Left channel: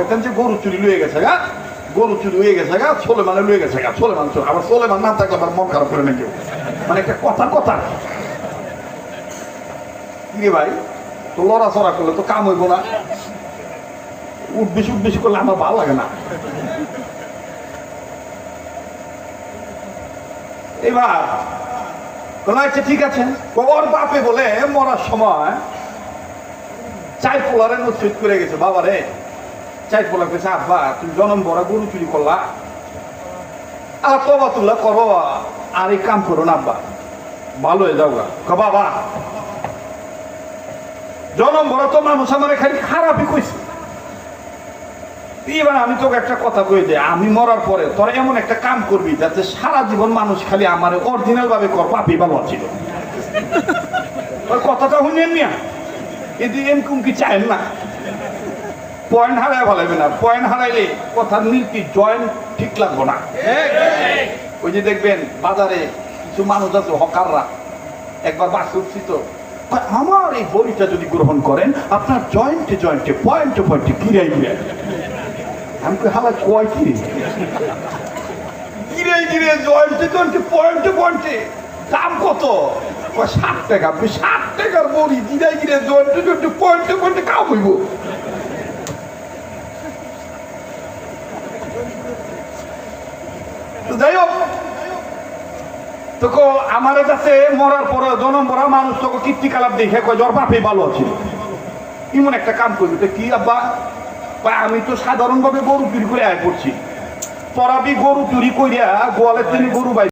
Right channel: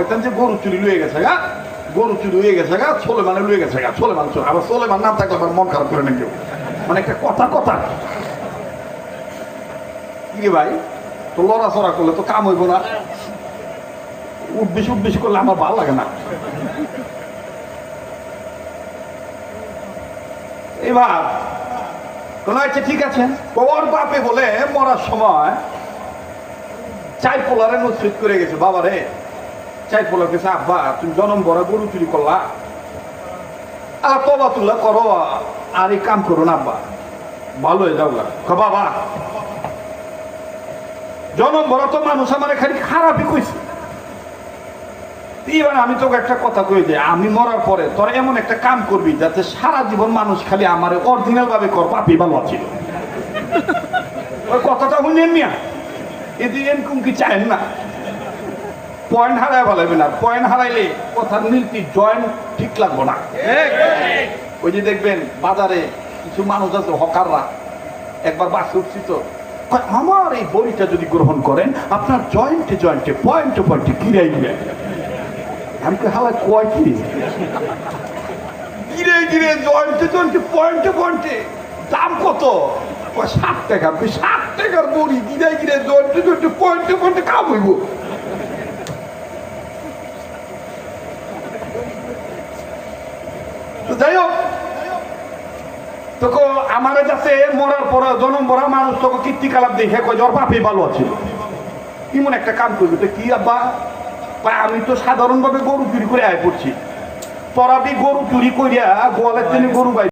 পাইতেন যে গরু চুরি লুয়ে গেছে গা, গরু চুরি হয়ে গেছে গা, সোলেমানে লুয়ে গেছে গা, সোলেমান চলে। আবার সোলেমান নাম থাকলে আমার মন খারাপ করে না কেউ, মানে একটা কথা কথা কি ভাই, তো লড়াচড়া করলে তো কাম হইব না, উঠবেশি উঠবেশি করলে আমার ভালো লাগে না। এবার আচ্ছা ঠিক আছে, ওর বাপে বলে মরার সময় চাই পোলারে নসিহত করে গেছে, বাবা রে চাই পোলার কাছে, আব্বা তুমি জনম ভরা গরু চুরি করলা, আর তবা তুল্লা করো আর এই কাম করো না আব্বা, ভালো হয়ে যাও গা। বাবা জনম ভরা তো মানুষ আমার খালি খারাপই কইছে, এবার আমি তোকে একটা কথা কই যে আমি মরার পরে তোরা এমন একটা কাম করবি যাতে সারা জীবন মানুষ খালি আমার অরিজিনাল ভাবে কর, পাপি ভালো ছিল। ওই কথাটা শুনেন মিয়া, কিন্তু এরকম কি চাইেন না, পয়েন্ট হারাই ভালো না, পয়েন্ট হারাইলে কথার নীতি জয়েন্ট ঠিক লাগবো না। ওই যে দেখবেন বাজারে কিছু মানুষ আছে হকাররা, একবার বাস উঠছি তো, আমার এই বড়িটা যদি গ্রহণ করেন আপনার জয়েন্টে জয়েন্টে পয়েন্টে পয়েন্টে গিরাই গিরে, আমি তো হালা কয় কি গিরে গিরে জয়েন্টে জয়েন্টে পয়েন্টে পয়েন্টে দাম কত? 60 টাকা। 60 টাকার বড়ি গিরাই গিরে জয়েন্টে জয়েন্টে পয়েন্টে পয়েন্টে কাম হইব। যাই হোক, তোকে আমার কাছে মরার পরে জনম ভরা মানুষ তোকে কীর্তিকলাপ দেখে কয় জ্বর বাপে ভালো আছে, এমন একটা কাম করবি। তো কি আব্বা? আমি তো সাধারণভাবে গরু চুরি করে আয় পড়ছি, তোরা গরু চুরি করিয়া গোয়ালের জন্য গরু বাই